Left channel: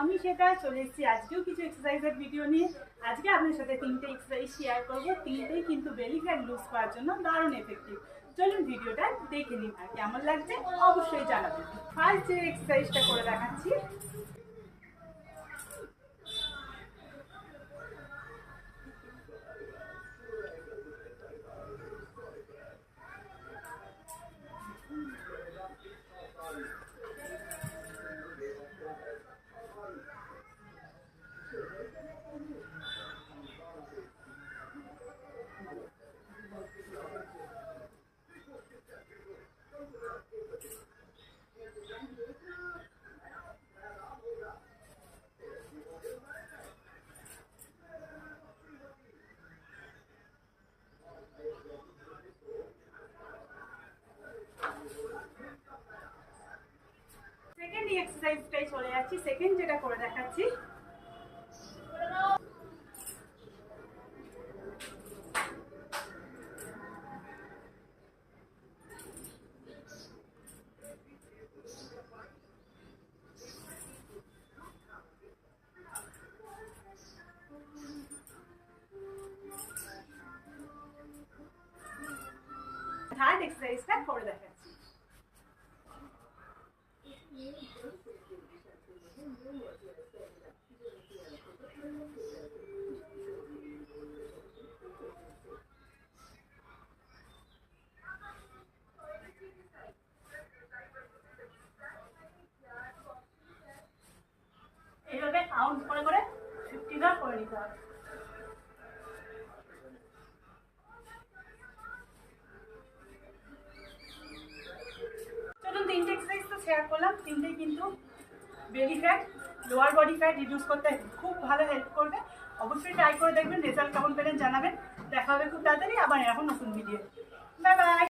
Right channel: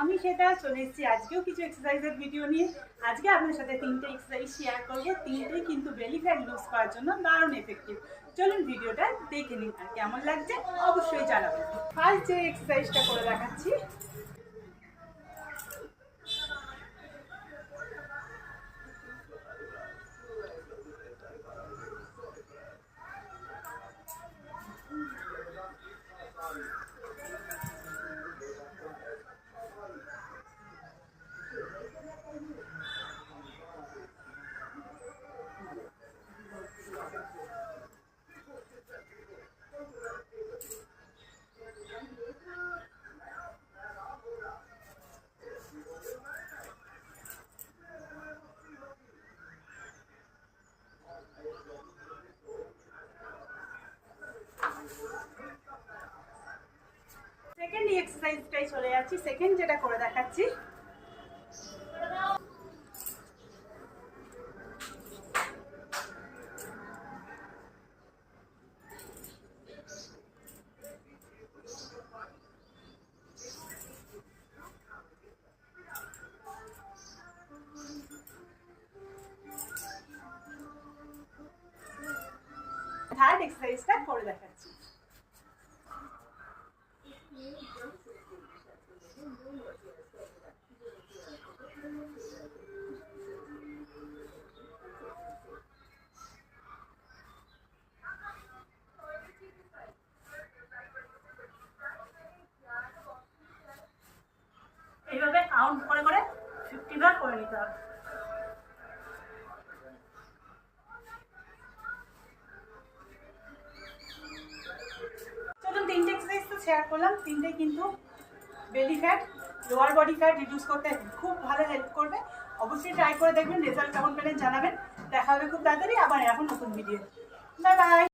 আমি সেটা চলে এসেছি আজকেও কিছু এক্সারসাইজের ভিডিও নিয়ে। আজকে আপনার সাথে তিনটে এক্সারসাইজ শেয়ার করব। তিনটেই কিন্তু বেলি ফ্যাট লুজ করার জন্য দারুণ এফেক্টিভ চলুন ভিডিওটা দেখে নিন আর কেমন লাগছে অবশ্যই জানাবেন। ফার্স্ট যে এক্সারসাইজটা করে দেখাচ্ছি সেকেন্ড এক্সারসাইজটাই চলে যাচ্ছি সেকেন্ড যেটা করে দেখাচ্ছি। থার্ড এক্সারসাইজটা করে দেখাচ্ছি। এইভাবে কাউন্ট করে করে ফিফটি বার করে নিতে হবে। শেয়ার করলাম। তিনটে কিন্তু belly fat lower body fat reduce করতে খুব ভালো হেল্প করবে। অবশ্যই ট্রাই করে দেখবেন রেজাল্ট কেমন পেলেন জানাবেন। দেখা হবে খুব তাড়াতাড়ি আবার এখন নতুন ভিডিও বাই বাই